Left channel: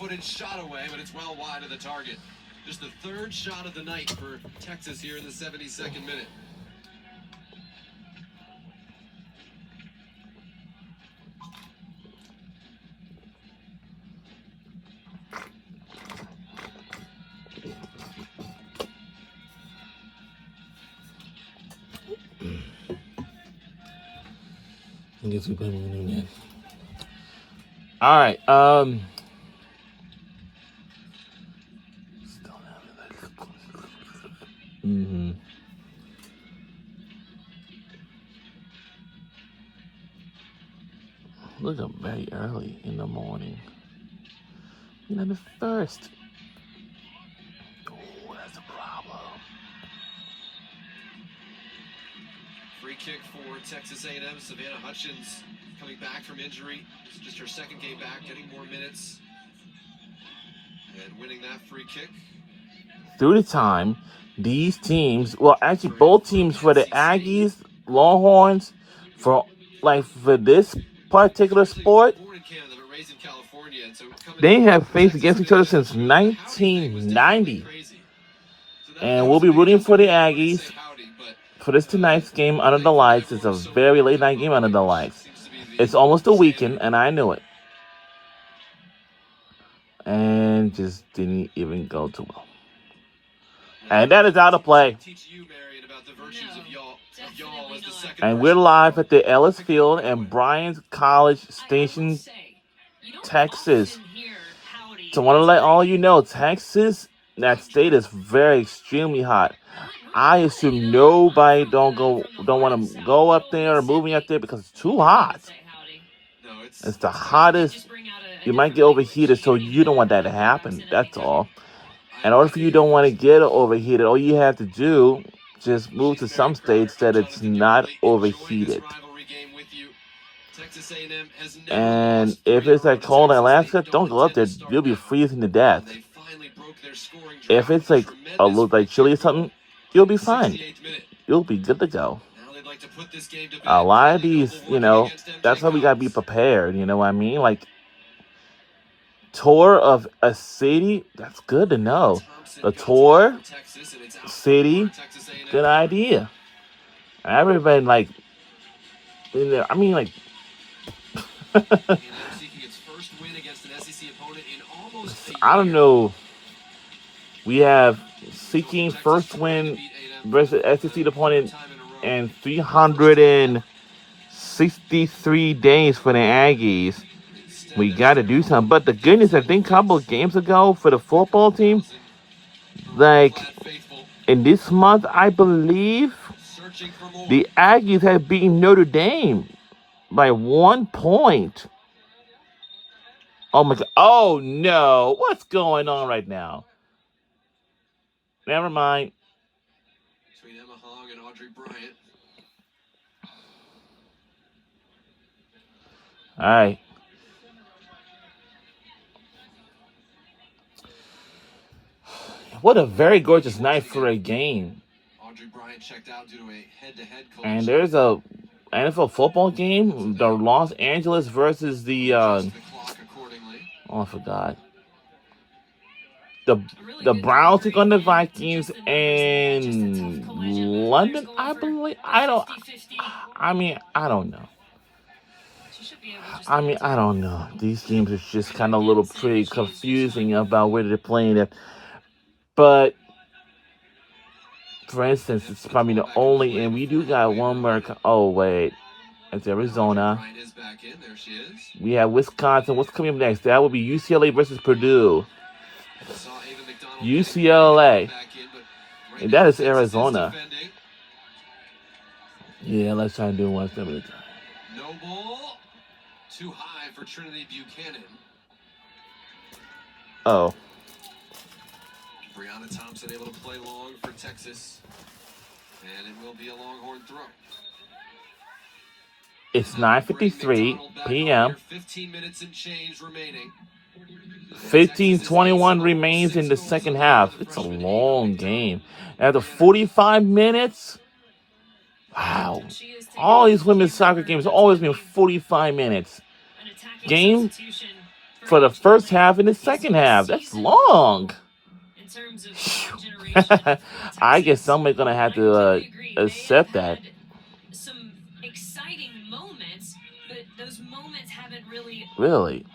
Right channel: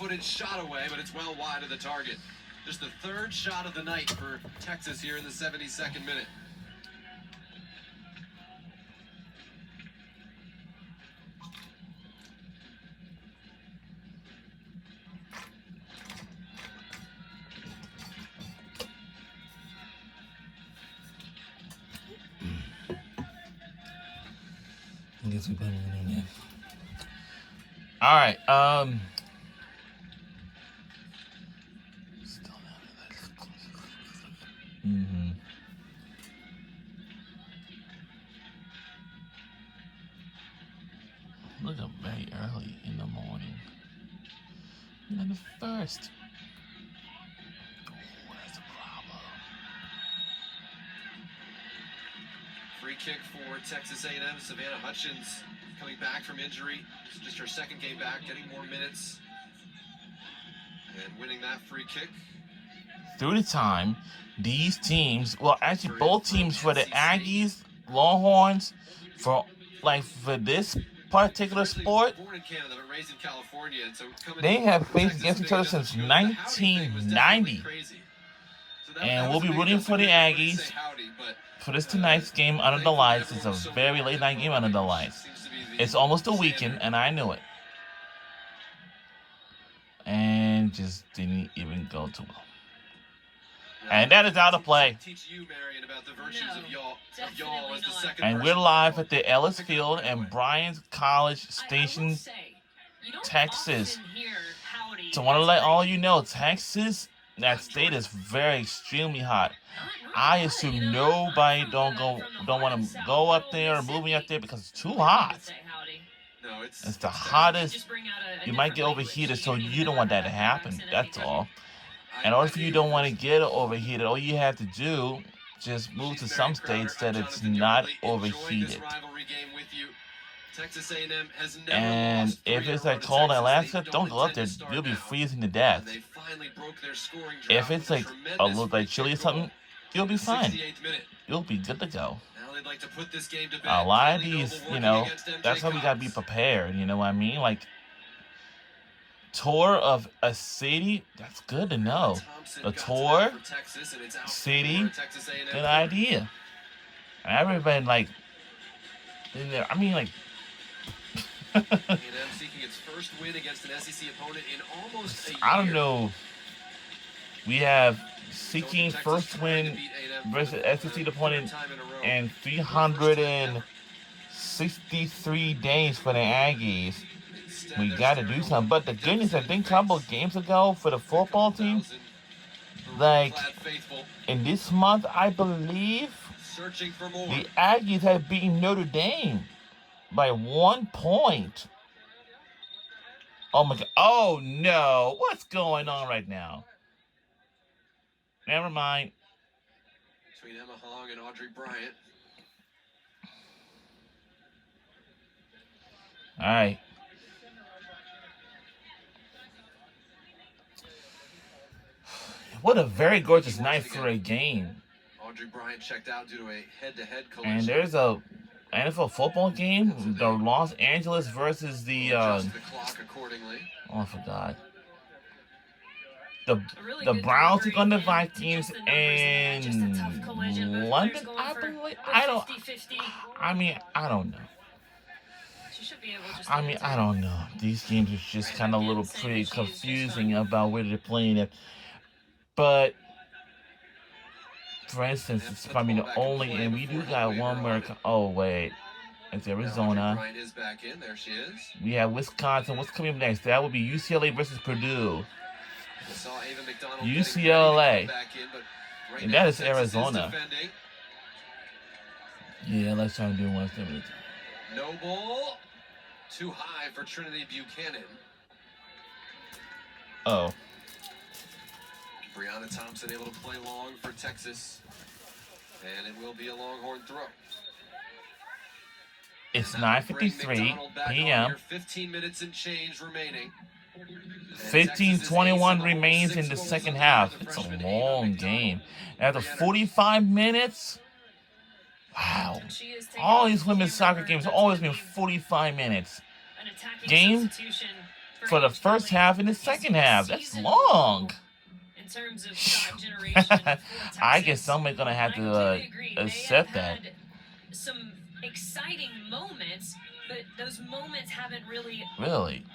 left-footed shot away, but it's well wide of the target. Just the third shot of the night for Texas here in the 72nd minute. All right. Look up very early in the morning. The first. Oh, that's a problem. Free kick for Texas A&M. Savannah Hutchins coming back from injury. It's just her second game back, getting more minutes. And winning that free kick. Through the time, these teams, well, actually both teams for the Aggies, Longhorns, for this particular sport, they have faced against each other since 1990. And we'll be rooting for the Aggies for this tonight's game under the lights. It's a very late night game under the lights. It's almost a weekend, and I knew it. And just didn't even go too well. And that is out of play. And we're live at the Ellis Field and Bryant College Station, Texas. So I want to let all you know, Texas, that state is very extremely hot. I assume nobody don't want to go up there or moving up there because it's too hot. It's the hottest. You might get overheated, so you don't want that to happen. That's all. In order for you don't want to get overheated, all you have to do, just move to some states that it's not overheated. And if it's like cold in Alaska, don't go up there. You'll be freezing to death. If it's like a little like chilly or something, you'll be fine. You'll be good to go. A lot of these, that's why we gotta be prepared. You know what I mean? Like, tour of a city, that's good to know. A tour, city, good idea. Everybody like, I mean, like, I don't know. We have seeking first win versus SEC opponent in 363 days for the Aggies. We got to do something. But the goodness, I think a couple of games ago for the football team, like in this month, I believe the Aggies have beaten Notre Dame by 1 point. Oh my God. Oh no. What's going on right now? Never mind. Between Emma Hong and Audrey Bryant. All right. What a very gorgeous night for a game. Audrey Bryant checked out due to a head-to-head collision. And there's a NFL football game, the Los Angeles versus the I forgot. The Browns take on the Vikings in London, I believe. I don't know. These games are just kind of a little pretty confusing about where they're playing it. But, for instance, it's probably the only, and we do got one more. Oh, wait. It's Arizona. We have Wisconsin. What's coming up next? That will be UCLA versus Purdue. UCLA. And that is Arizona. Yeah, let's try and do one. No ball. Too high for Trinity Buchanan. Oh. Brianna Thompson able to play long for Texas. And it will be a Longhorn throw. It's 9:53 p.m. 15 minutes and change remaining. 15:21 remains in the second half. It's a long game. After 45 minutes, wow. All these women's soccer games always been 45 minutes. Game for the first half and the second half. That's long. In terms of shot generation, I guess somebody's gonna have to accept that. Some exciting moments, but those moments haven't really. Really?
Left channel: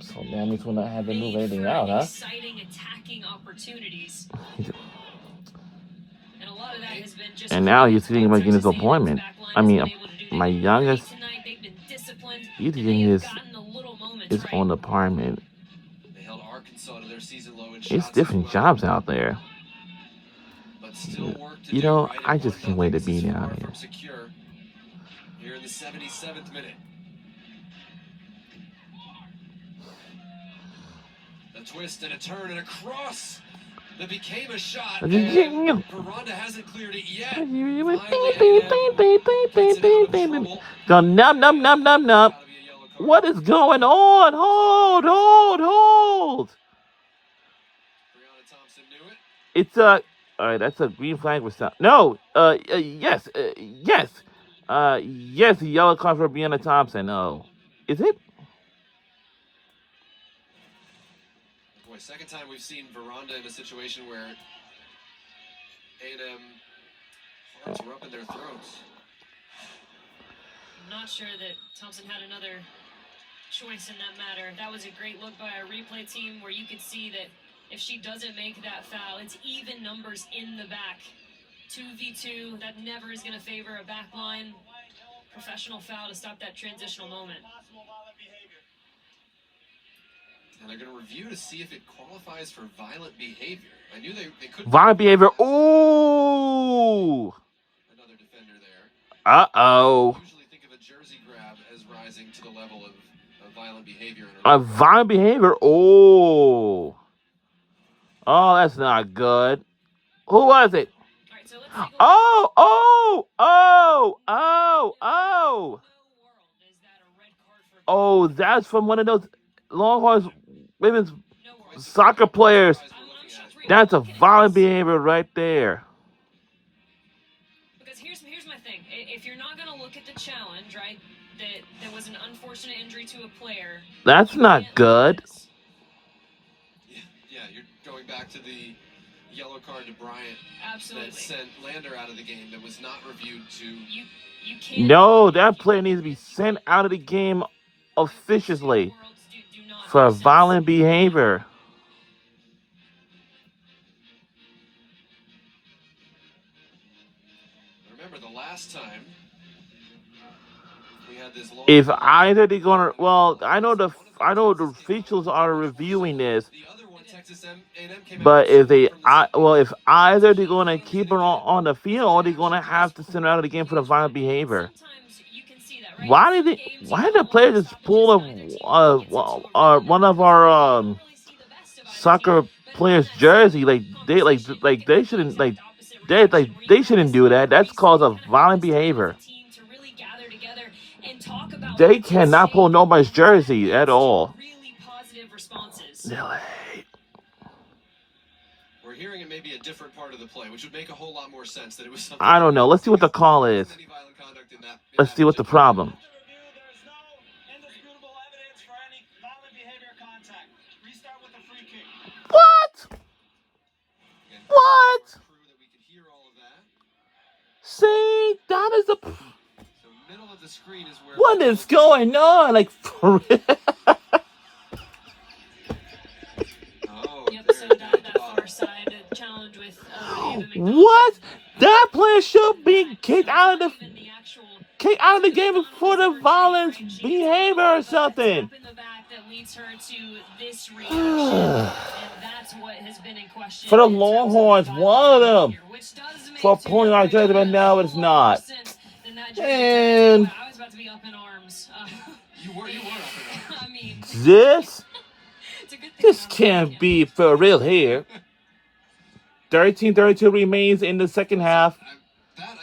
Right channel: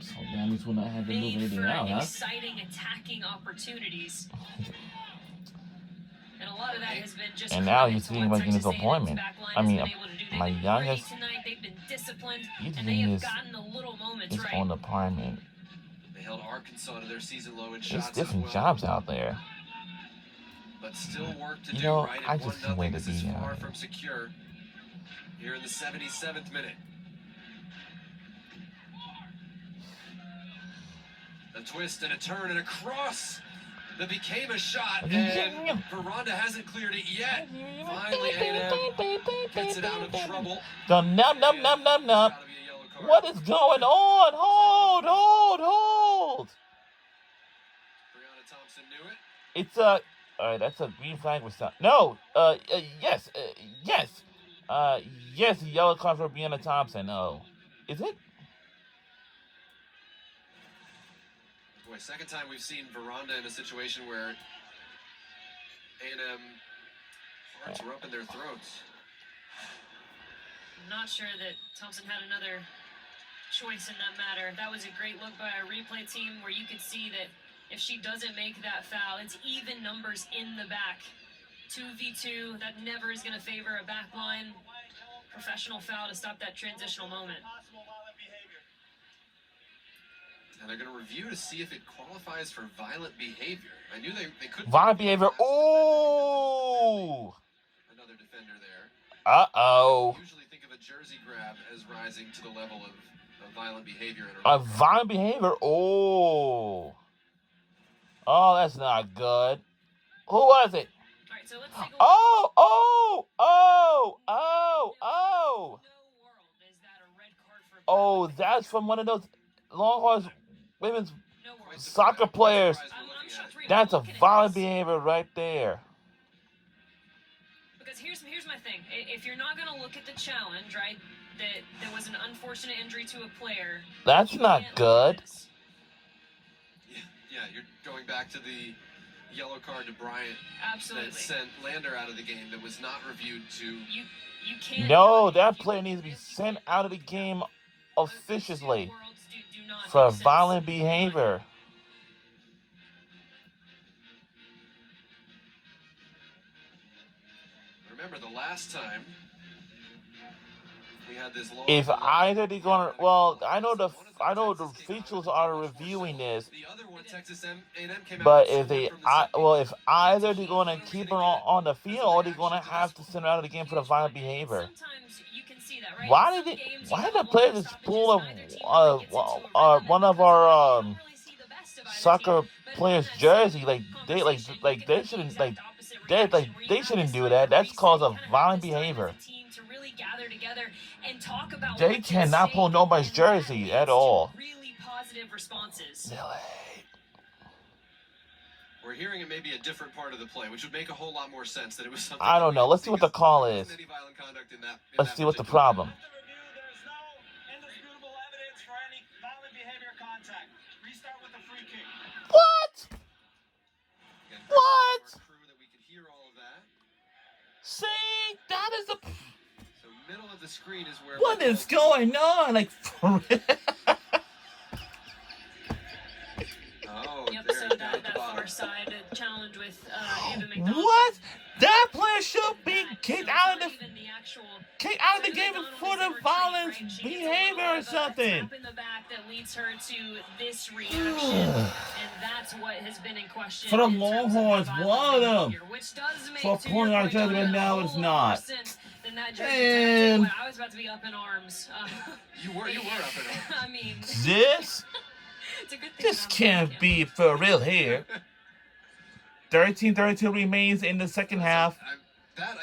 So that means we're not having to move anything out, huh? Exciting attacking opportunities. And a lot of that has been just. And now he's thinking about getting his appointment. I mean, my youngest, he's getting his own apartment. They held Arkansas to their season low in It's shots different as well. jobs out there. But still work to You do, know, right? I just can't wait to be down here. From secure here in the 77th minute. A twist and a turn and a cross that became a shot. And Veranda hasn't cleared it yet. Finally, gets it out of trouble. Go num num num num num. Gotta be a yellow card. What is going on? Hold. Brianna Thompson knew it. It's all right, that's a green flag with some. No, yes, yes, the yellow card for Brianna Thompson. Oh, is it? Boy, second time we've seen Veranda in a situation where A&M hearts were up in their throats. I'm not sure that Thompson had another choice in that matter. That was a great look by our replay team where you could see that if she doesn't make that foul, it's even numbers in the back. 2v2, that never is going to favor a back line professional foul to stop that transitional moment. And they're going to review to see if it qualifies for violent behavior. I knew they couldn't. Violent behavior. Ooh. Another defender there. Uh-oh. Usually think of a jersey grab as rising to the level of violent behavior. A violent behavior. Oh. Oh, that's not good. Who was it? All right, so let's take a look. Oh, that's from one of those Longhorns women's soccer players. That's a violent behavior right there. Because here's my thing. If you're not going to look at the challenge, right, that there was an unfortunate injury to a player. That's not good. Yeah, you're going back to the yellow card to Bryant. Absolutely. That sent Lander out of the game that was not reviewed to... You can't... No, that player needs to be sent out of the game officiously for violent behavior. Remember the last time we had this long... If either they're gonna, well, I know the officials are reviewing this, The other one, Texas A&M came out but if they, from the second if either they're gonna keep it on the field, or they're gonna have to send her out of the game for the violent behavior. Why did the players just pull one of our soccer players' jersey? They shouldn't they shouldn't do that. That's cause of violent behavior. They cannot pull nobody's jersey at all. We're hearing it may be a different part of the play, which would make a whole lot more sense that it was something... I don't know. Let's see what the call is. Any violent conduct in that Let's see what the problem. What? What? See, that is a... So middle of the screen is where... What is going on? Like, for real? Oh, Yep, there, so down that at the far bottom. side, the challenge with Ava McDonald. What? That player should be kicked out of the Even the actual game for the violent behavior or something. Slap in the back that leads her to this reaction, and that's what has been in question. For the in terms of Longhorns, violent one of them, behavior, which does make for to pulling your our point, jersey, but a now whole it's lot more not. sense than that jersey. And I was about to be up in arms. You were up and up. I mean, this it's a good thing this that I'm can't back, be for real here. 13-32 remains in the second half.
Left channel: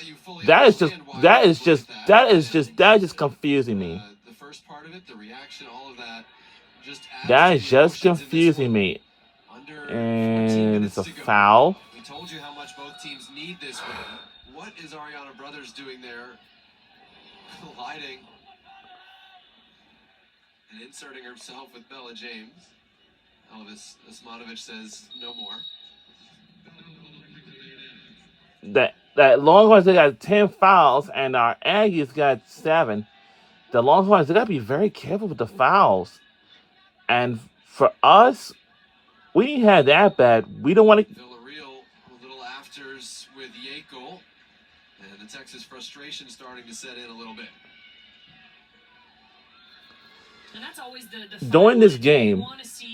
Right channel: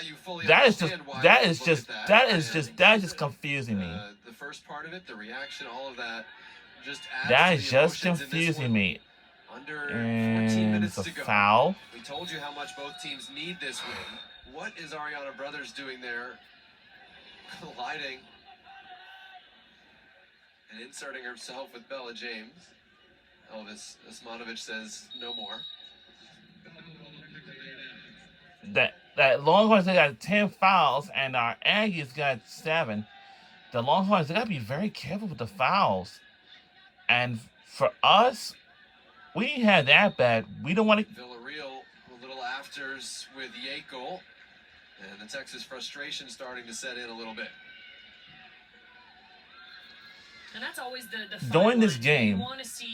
You fully That is understand why that we is look just at that is and just confusing me. the first part of it, the reaction, all of that, just adds That to is the just emotions in this confusing one. me. Under 14 And minutes it's a to go. foul. We told you how much both teams need this win. What is Ariana Brothers doing there? Colliding. And inserting herself with Bella James. Elvis Osmanovic says no more. That Longhorns, they got 10 fouls, and our Aggies got 7. The Longhorns, they got to be very careful with the fouls. And for us, we ain't had that bad. We don't want to. Villarreal, a little afters with Yekel. And the Texas frustration starting to set in a little bit. And that's always the during this game,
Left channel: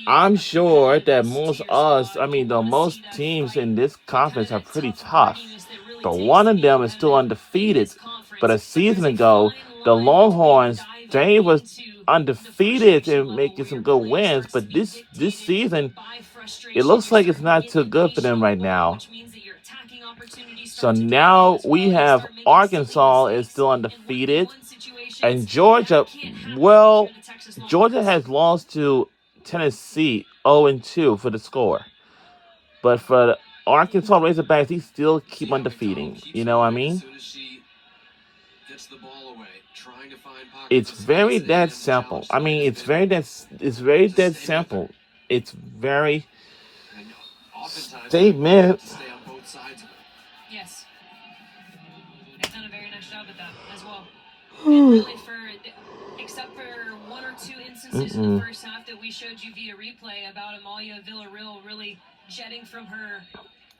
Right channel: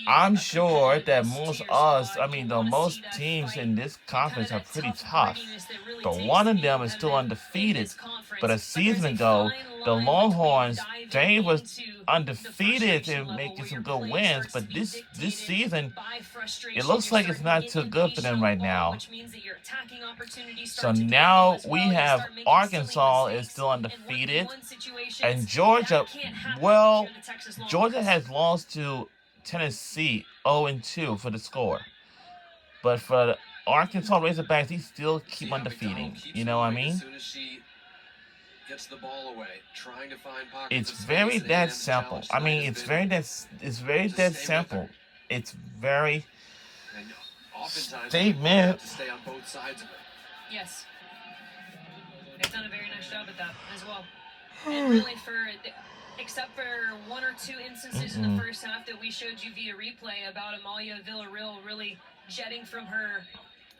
I'm sure that most teams in this conference are pretty tough. But one of them is still undefeated. But a season ago, the Longhorns, they was undefeated and making some good wins. But this season, it looks like it's not too good for them right now. So now we have Arkansas is still undefeated. And Georgia, well, Georgia has lost to Tennessee 0-2 for the score. But for the Arkansas Razorbacks, they still keep undefeating. You know what I mean? It's very that simple. I mean, it's very that simple. It's very statement. Yes. They've done a very nice job at that as well. And really, except for one or two instances in the first half that we showed you via replay about Amalia Villarreal really jetting from her.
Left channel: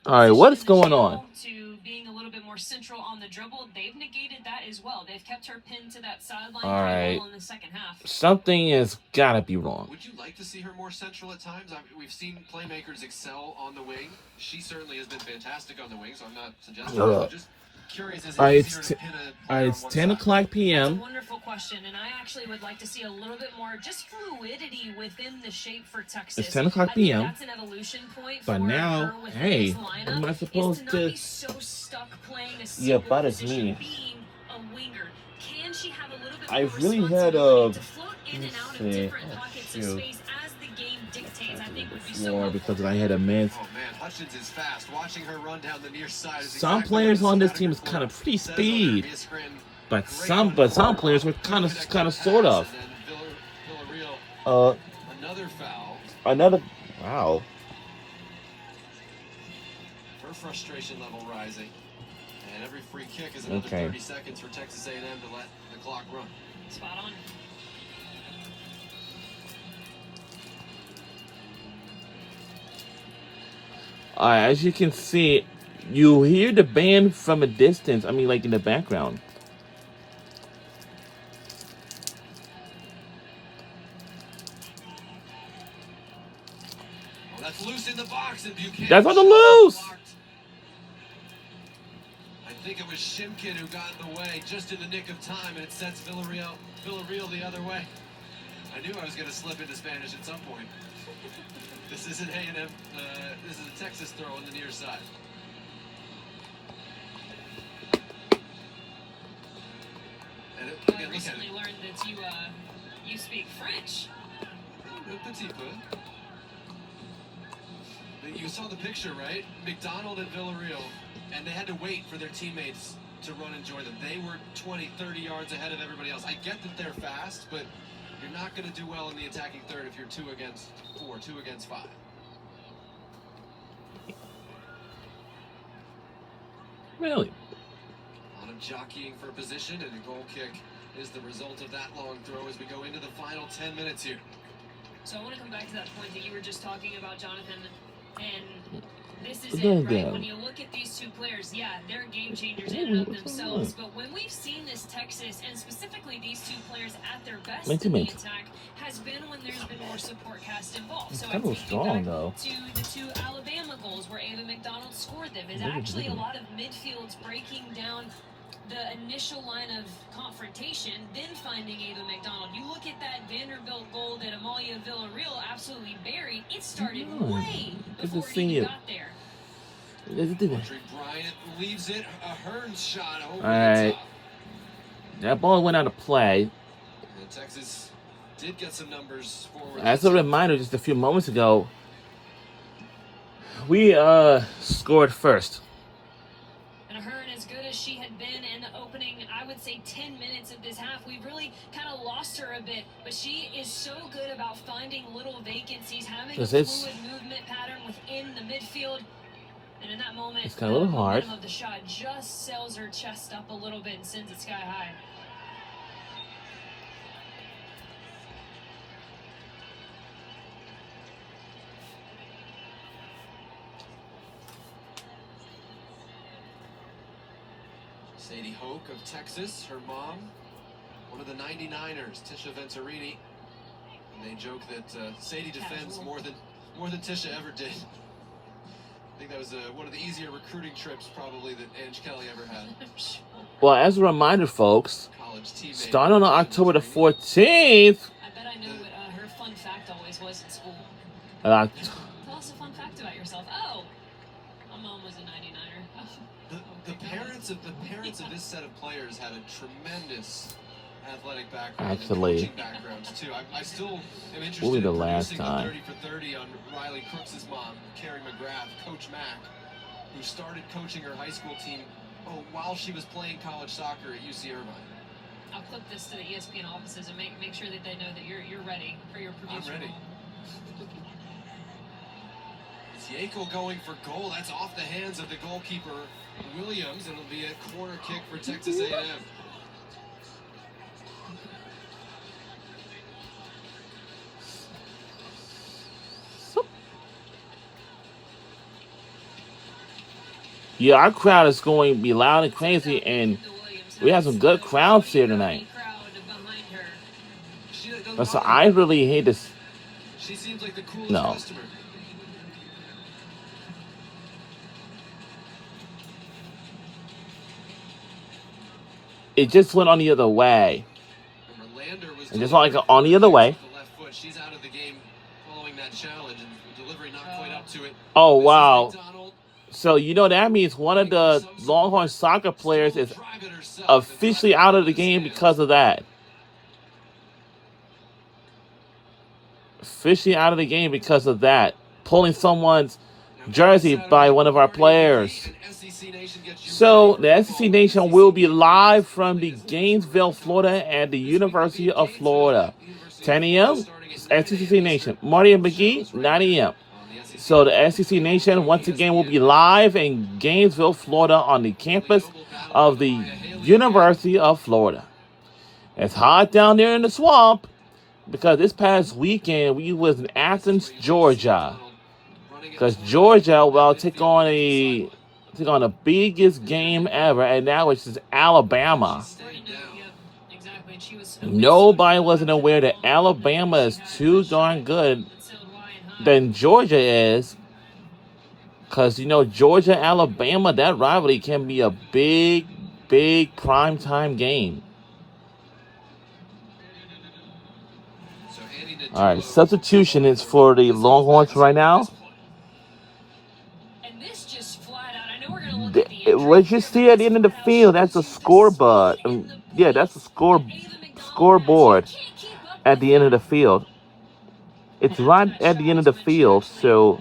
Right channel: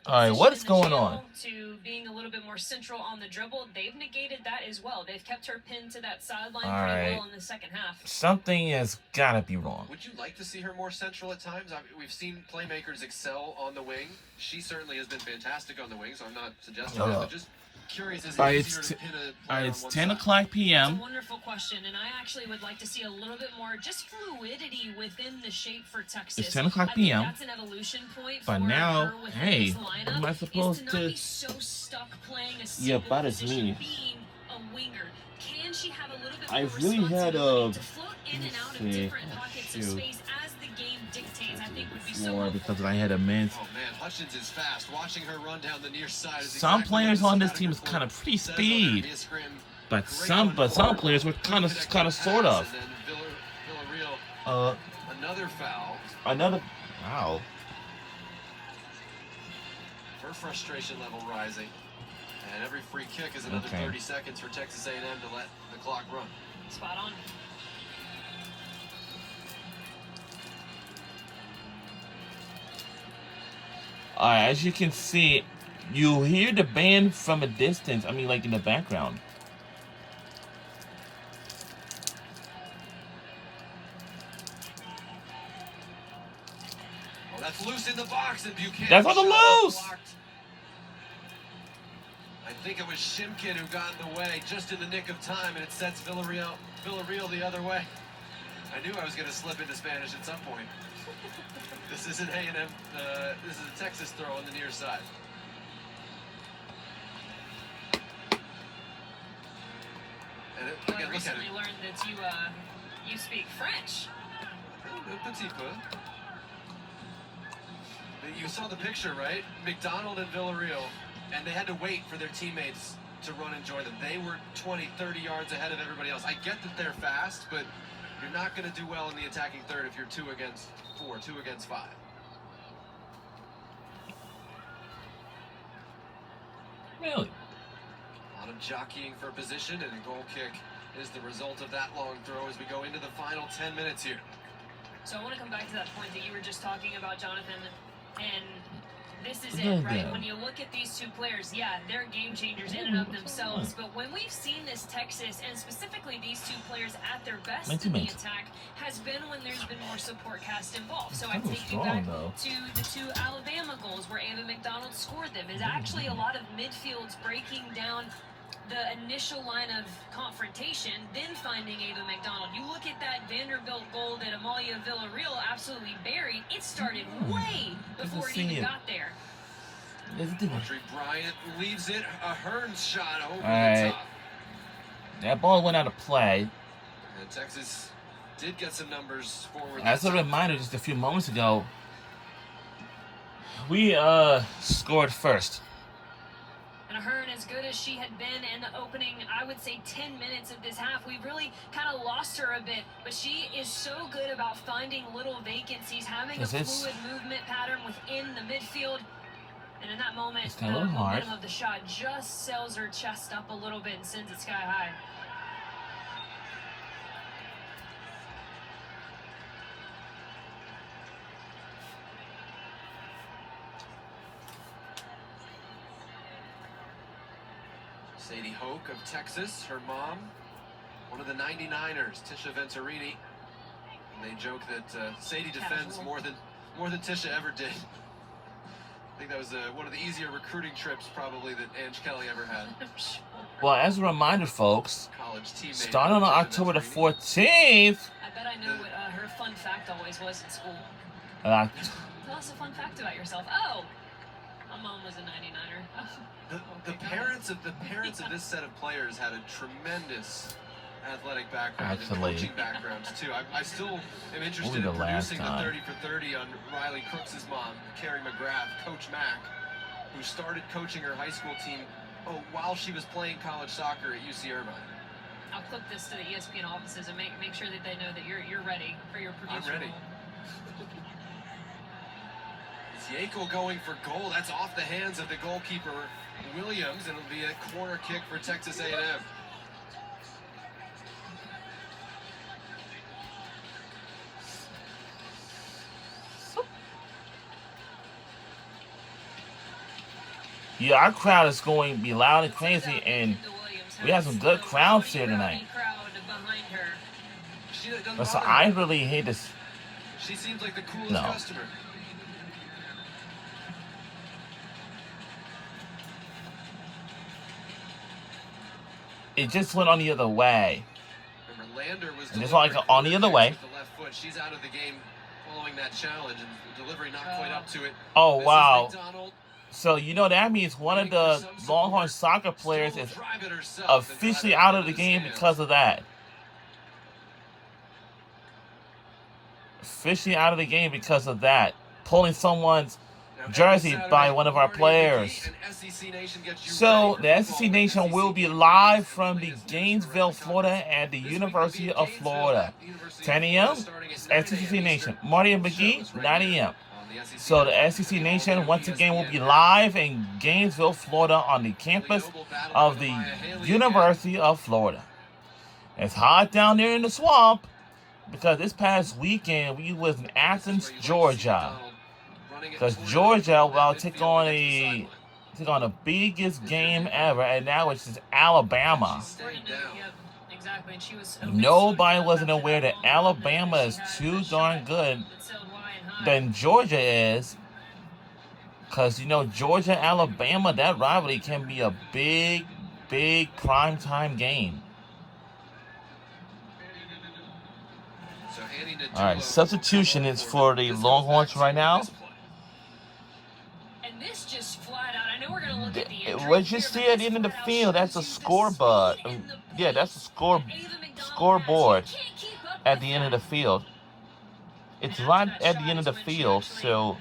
All right, what's going on? To being a little bit more central on the dribble, they've negated that as well. They've kept her pinned to that sideline very well in the second half. Something has gotta be wrong. Would you like to see her more central at times? I mean, we've seen playmakers excel on the wing. She certainly has been fantastic on the wing, so I'm not suggesting that, but just curious as it's 10 o'clock p.m. It's a wonderful question, and I actually would like to see a little bit more just fluidity within the shape for Texas. It's 10 o'clock p.m. That's an evolution point but for now, her hey, lineup, am I supposed to? Be so stuck playing a Yeah, single but it's position, me. being a winger. Can she have a little bit I more really had responsibility to float in and out of different pockets of shoot. space as the game dictates? I think would be so helpful. Because I had a miss. Oh man, Hutchins is fast. Watching her run down the near side is Some players on this team is kind of pretty speed, but some players were kind of sort of. Another foul. Wow. Her frustration level rising, and every free kick is another 30 seconds for Texas A&M to let the clock run. Spot on. Alright, as you can see, you hear the band from a distance. I mean, like in the background. Oh, that's loose in the box, and Buchanan. That's on the loose. I think it was Shimkin who got in the way just in the nick of time, and it sets Villarreal the other way. I knew I was going to slip into Spanish at some point. This isn't A&M. This is a Texas throw on the near side. And I recently learned that you speak French. Un petit peu. You saw the picture, right? McDonald and Villarreal, and they had to wait for their teammates to run and join them. They were 20, 30 yards ahead of everybody else. I get that they're fast, but you're not going to do well in the attacking third if you're 2 against 4, 2 against 5. Really? A lot of jockeying for position, and a goal kick is the result of that long throw as we go into the final 10 minutes here. So I want to come back to that point that you were just talking about, Jonathan, and this is it, right? When you look at these two players, yeah, they're game changers in and of themselves, but when we've seen this Texas, and specifically these two players at their best in the attack, has been when there's been more support cast involved. So I think you back to the 2 Alabama goals where Ava McDonald scored them. Is actually a lot of midfields breaking down the initial line of confrontation, then finding Ava McDonald. You look at that Vanderbilt goal that Amalia Villarreal absolutely buried. It started way before it even got there. Audrey Bryant leaves it. A Hearns shot over the top. That ball went out of play. And Texas did get some numbers forward. As a reminder, just a few moments ago, we scored first. And her, and as good as she had been in the opening, I would say 10 minutes of this half, we really kind of lost her a bit. But she is so good about finding little vacancies, having a fluid movement pattern within the midfield. And in that moment, it's kind of a little hard. Of the shot just sails her chest up a little bit and sends it sky high. Sadie Hoke of Texas, her mom, one of the 99ers, Tisha Venturini. And they joke that Sadie defends more than Tisha ever did. I think that was one of the easier recruiting trips probably that Ange Kelly ever had. Well, as a reminder, folks, starting on October the 14th. I bet I know what her fun fact always was in school. Tell us a fun fact about yourself. Oh, my mom was a 99er. The parents of this set of players had a tremendous athletic background and coaching backgrounds too. I still am interested in producing the 30 for 30 on Riley Crooks' mom, Carrie McGrath, Coach Mack, who started coaching her high school team while she was playing college soccer at UC Irvine. I'll clip this to the ESPN offices and make sure that they know that you're ready for your producer. I'm ready. It's Yakel going for goal. That's off the hands of the goalkeeper Williams, and it'll be a corner kick for Texas A&M. Yeah, our crowd is going to be loud and crazy, and we have some good crowds here tonight. So I really hate this. She seems like the coolest customer. It just went on the other way. It just went like on the other way. She's out of the game following that challenge, and delivery not quite up to it. Oh, wow. So, you know, that means one of the Longhorn soccer players is officially out of the game because of that. Officially out of the game because of that. Pulling someone's jersey by one of our players. So, the SEC Nation will be live from the Gainesville, Florida at the University of Florida. 10 a.m., SEC Nation. Marty and McGee, 9 a.m. So the SEC Nation once again will be live in Gainesville, Florida on the campus of the University of Florida. It's hot down there in the swamp because this past weekend we was in Athens, Georgia. Because Georgia will take on the biggest game ever, and that was just Alabama. Nobody wasn't aware that Alabama is too darn good than Georgia is, because you know Georgia Alabama, that rivalry can be a big primetime game. All right, substitution is for the Longhorns right now. What you see at the end of the field, that's a scoreboard. Yeah, that's a scoreboard at the end of the field. It's right at the end of the field, so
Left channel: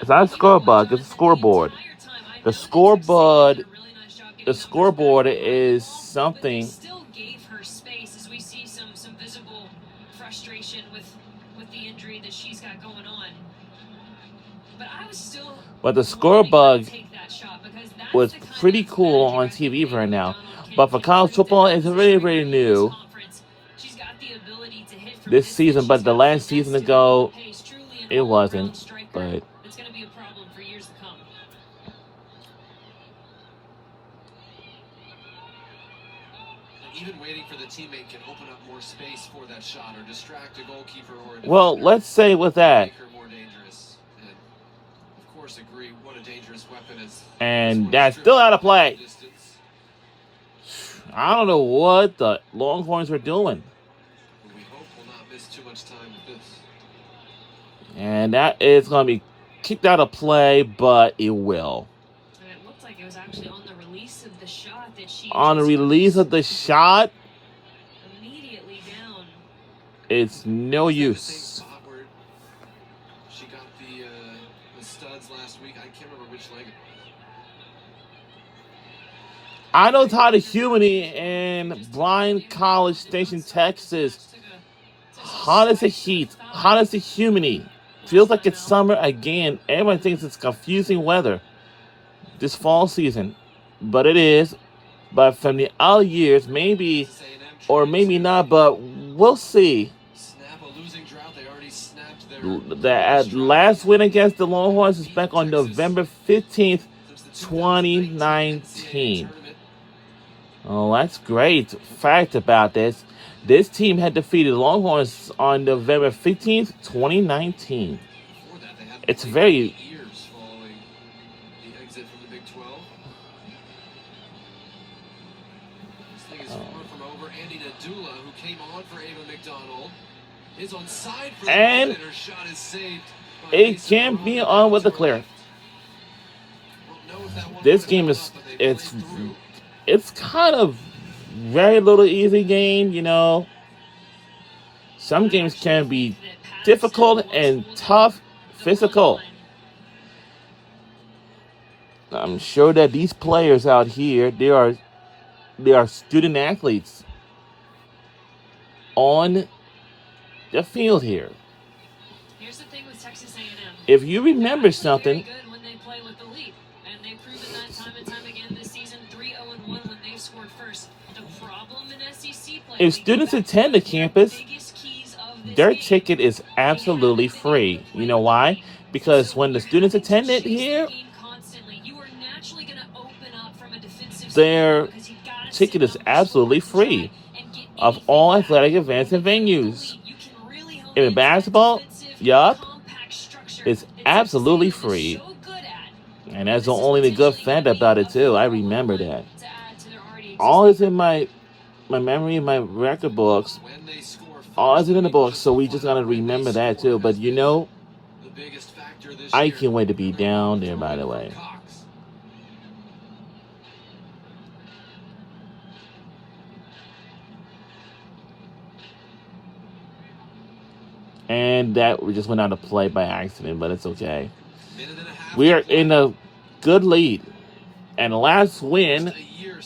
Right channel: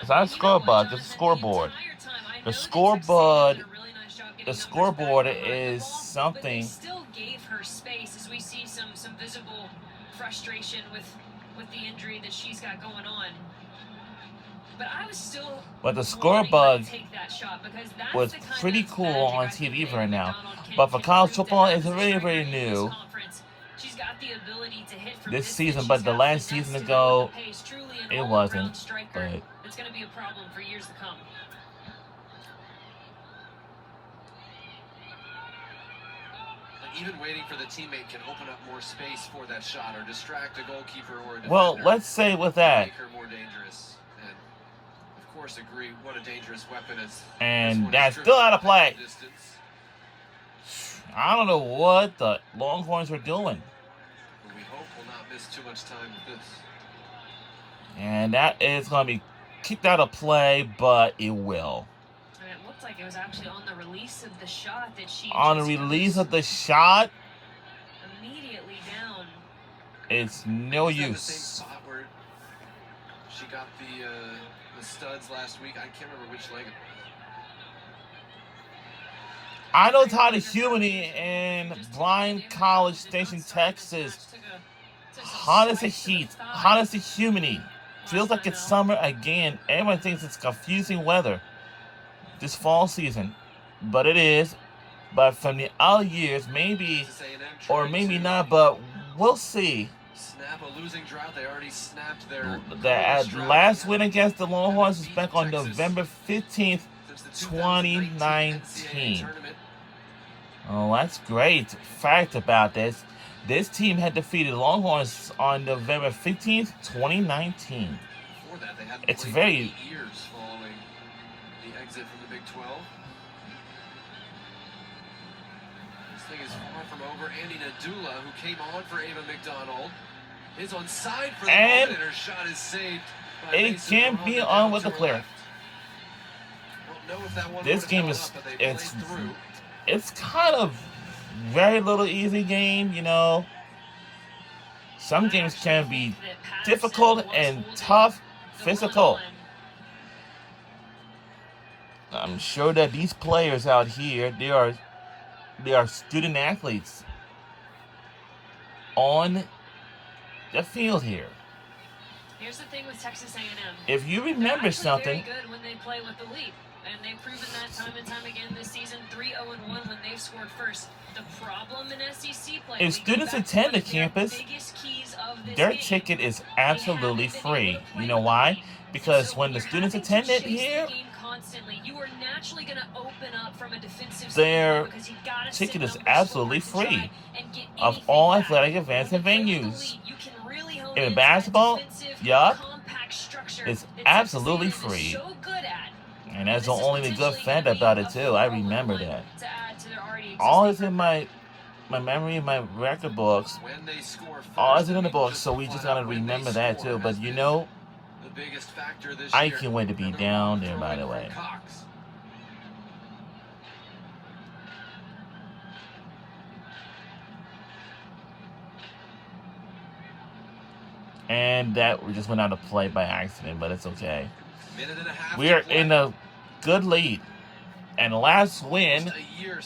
it's not a scoreboard, it's a scoreboard. The scoreboard is something. Still gave her space as we see some visible frustration with the injury that she's got going on. But the scoreboard was pretty cool on TV right now. But for college football, it's very new this season. But the last season ago, it wasn't. But it's going to be a problem for years to come. Even waiting for the teammate can open up more space for that shot or distract a goalkeeper or a defender. Well, let's say with that. Make her more dangerous. And of course, agree what a dangerous weapon is. And that's still out of play. I don't know what the Longhorns are doing. But we hope we'll not miss too much time with this. And that is going to be kicked out of play, but it will. And it looked like it was actually on the release of the shot that she. On the release of the shot. Immediately down. It's no use. The same spot where she got the studs last week. I can't remember which leg. I know it's hot as humidity in Bryan College Station, Texas. Hot as the heat, hot as the humidity. Feels like it's summer again. Everyone thinks it's confusing weather this fall season, but it is. But from the other years, maybe or maybe not, but we'll see. Snap a losing drought. They already snapped The last win against the Longhorns was back on November 15th, 2019. Oh, that's great fact about this. This team had defeated Longhorns on November 15th, 2019. It's very years following the exit from the Big 12. This thing is far from over. Andy Nadula, who came on for Ava McDonald, is on side for the and moment, and her shot is saved. It can be on with the clear. This game is it's kind of very little easy game, you know. Some games can be difficult and tough, physical. I'm sure that these players out here, they are student athletes on the field here. Here's the thing with Texas A&M. If you remember something, very good when they play with the lead, and they've proven that time and time again this season. 3-0-1 when they've scored first. The problem in SEC play. if students attend the campus, their ticket is absolutely free. You know why? Because when the students attend it here, their ticket is absolutely free of all athletic events and venues. In basketball, yup, it's absolutely free. And that's the only good fact about it too. I remember that. All is in my memory, my record books. All is in the books, so we just gotta remember that too. But you know, I can't wait to be down there, by the way. And that we just went out of play by accident, but it's okay. We are in a good lead. And last win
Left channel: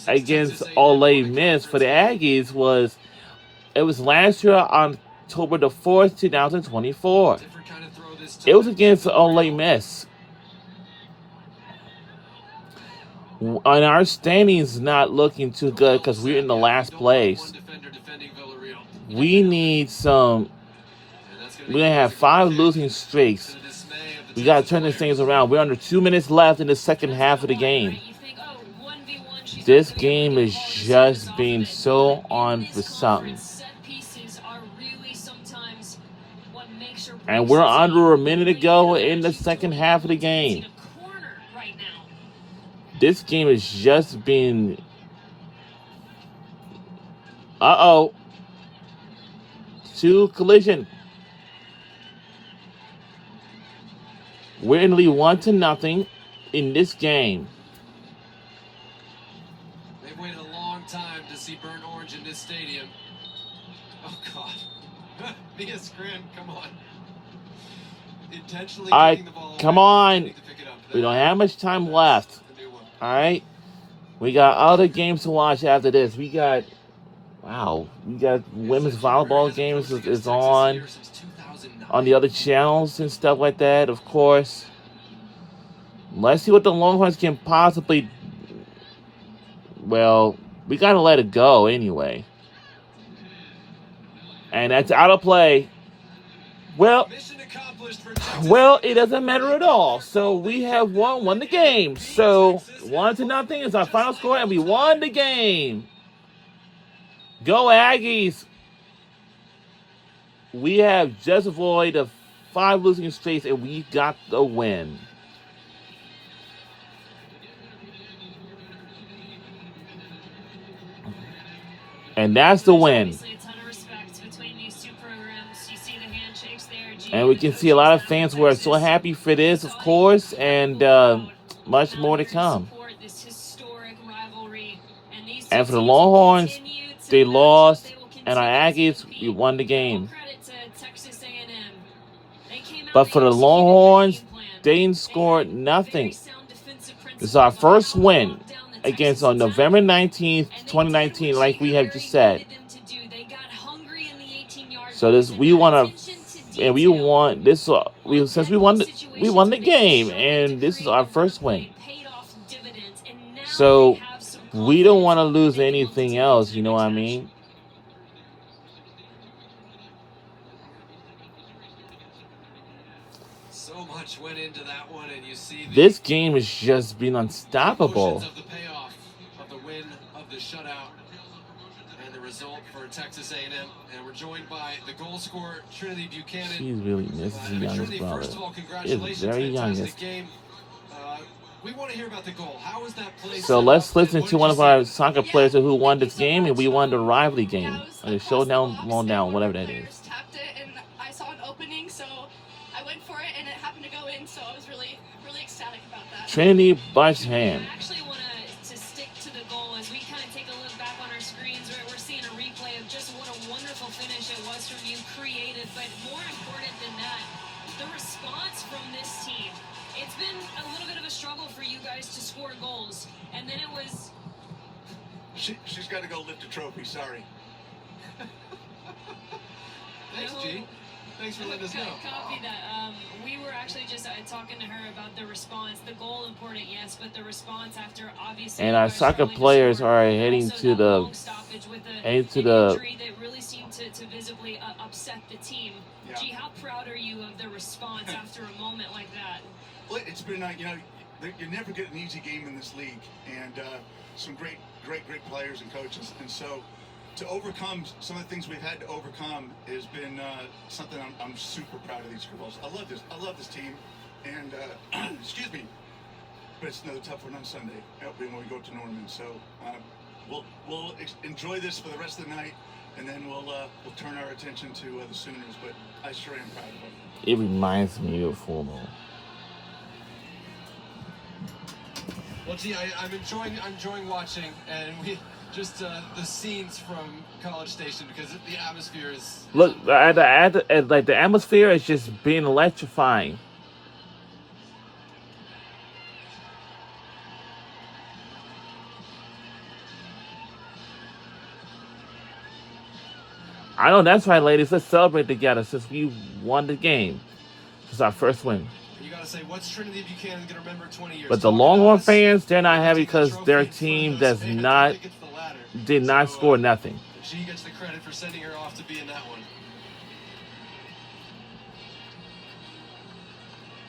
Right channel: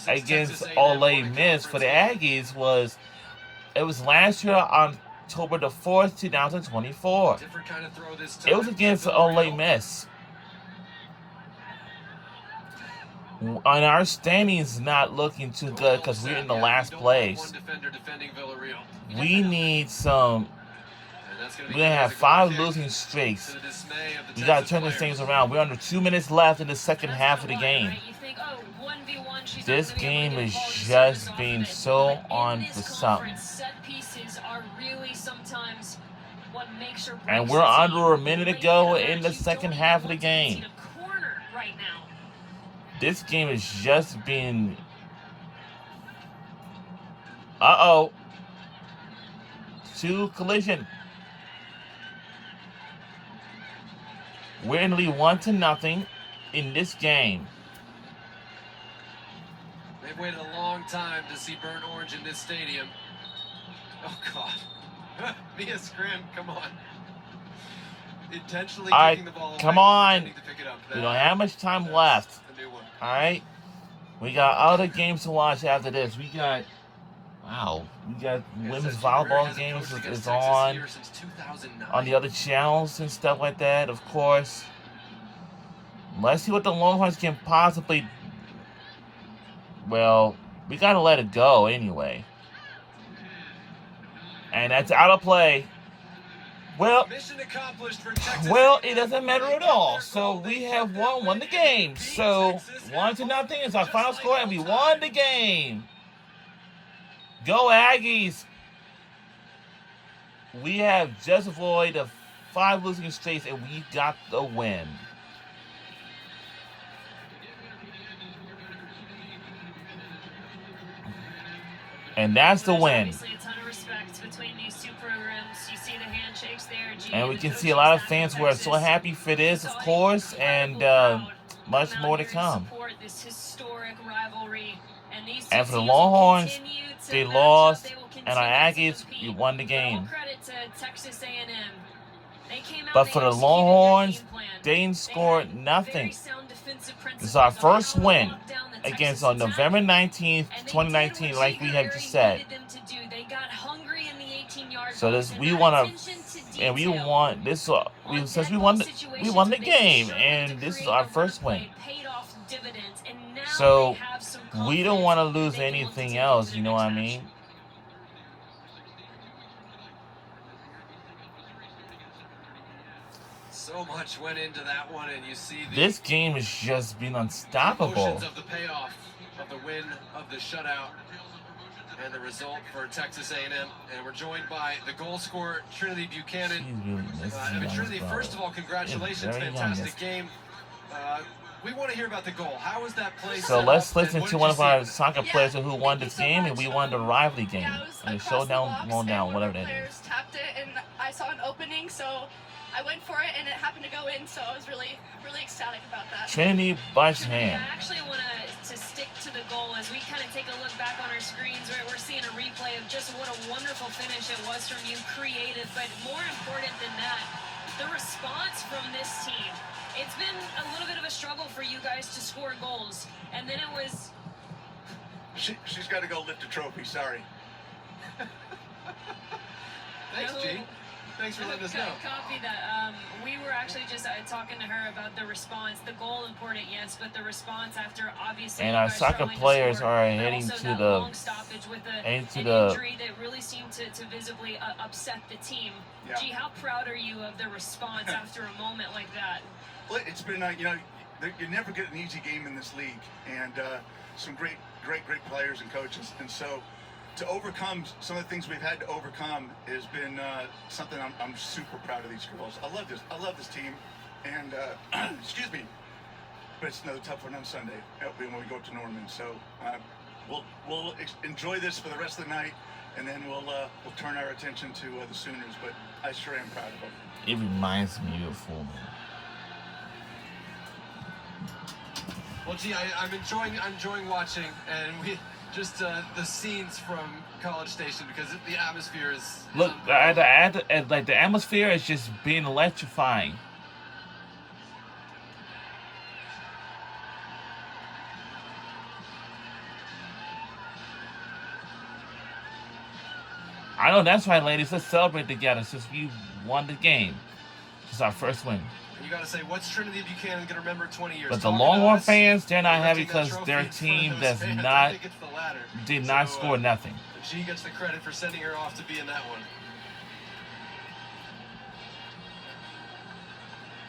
against Ole Miss for the Aggies was last year on October the 4th, 2024. It was against Ole Miss. And our standings not looking too good because we're in the last place. We need some. We're going to have 5 losing streaks. We got to turn these things around. We're under 2 minutes left in the second half of the game. This game is just being so on for something. And we're under a minute to go in the second half of the game. This game is just being... Uh-oh. 2 collision. We're in the lead 1-0 in this game. They've waited a long time to see burnt orange in this stadium. Oh, God. Mia Scrim, come on. Intentionally taking the ball away. Come on. To pick it up. We don't have much time left. All right? We got other games to watch after this. We got women's volleyball games is on the other channels and stuff like that, of course. Let's see what the Longhorns can possibly... Well, we got to let it go anyway. And that's out of play. Well, it doesn't matter at all. So we have won the game. So 1-0 is our final score, and we won the game. Go Aggies! We have just avoided 5 losing streaks, and we got the win. And that's the win. And we can see a lot of fans who are so happy for this, of course, and much more to come. And for the Longhorns, they lost, and our Aggies, we won the game. But for the Longhorns, they scored nothing. This is our first win against on November 19th, 2019, like we have just said. So this we want to, and we want this. Since we won the game, and this is our first win. So we don't want to lose anything else. You know what I mean? So much went into that one, and you see this game has just been unstoppable. Of the payoff of the win of the shutout and the result for Texas A&M, and we're joined by the goal scorer Trinity Buchanan. She's really Trinity, first of all, congratulations, fantastic game. We want to hear about the goal. How was that play? So let's listen to one of our soccer players who won this game, and we won the rivalry game. And showdown, whatever that is. Tapped it, and I saw an opening, so I went for it, and it happened to go in. So I was really ecstatic about that. Trinity Buchanan. I actually want to stick to the goal as we kind of take a look back on our screens. We're seeing a replay of just what a wonderful finish it was from you, creative, but more important than that, the response from this team. It's been a little bit of a struggle for you guys to score goals, and then it was... She's got to go lift a trophy, sorry. Thanks, G. Thanks for letting us know. Copy that. We were actually just talking to her about the response. The goal important, yes, but the response after obviously. And our soccer players are heading to the injury that really seemed to visibly upset the team. Yeah. Gee, how proud are you of the response after a moment like that? Well, it's been you never get an easy game in this league, and some great players and coaches, and so. To overcome some of the things we've had to overcome has been something I'm super proud of these girls. I love this team, and excuse me, but it's another tough one on Sunday when we go to Norman. So we'll enjoy this for the rest of the night, and then we'll turn our attention to the Sooners. But I sure am proud of them. It reminds me of football. Well, gee, I'm enjoying watching, and we. Just the scenes from College Station, because the atmosphere is... Look, the atmosphere is just being electrifying. I know that's right, ladies. Let's celebrate together since we won the game. This is our first win. You gotta say, what's Trinity Buchanan gonna remember 20 years? But the Longhorn fans, they're not happy because their team did not score nothing. She gets the credit for sending her off to be in that one.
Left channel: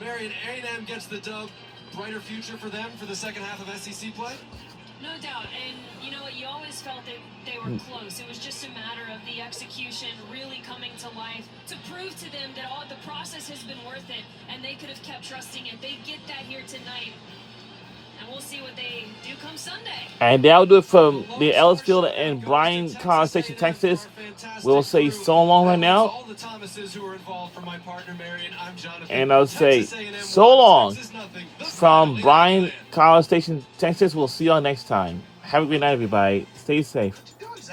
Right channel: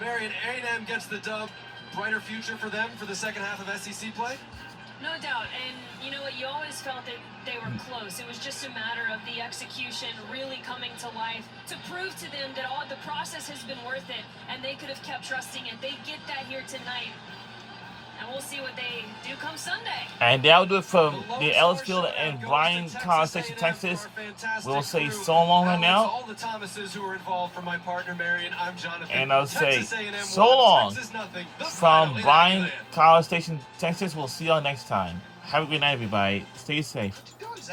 Marion, A&M gets the dub. Brighter future for them for the second half of SEC play? No doubt, and you know what, you always felt that they were close. It was just a matter of the execution really coming to life to prove to them that the process has been worth it, and they could have kept trusting it. They get that here tonight, and we'll see what they do come Sunday. And that'll do it from the Ellisfield and Bryan College Station, Texas. We'll say so long right now. All the Thomases who are involved, from my partner Marion, I'm Jonathan. And I'll say so long from Bryan College Station, Texas. We'll see y'all next time. Have a good night, everybody. Stay safe.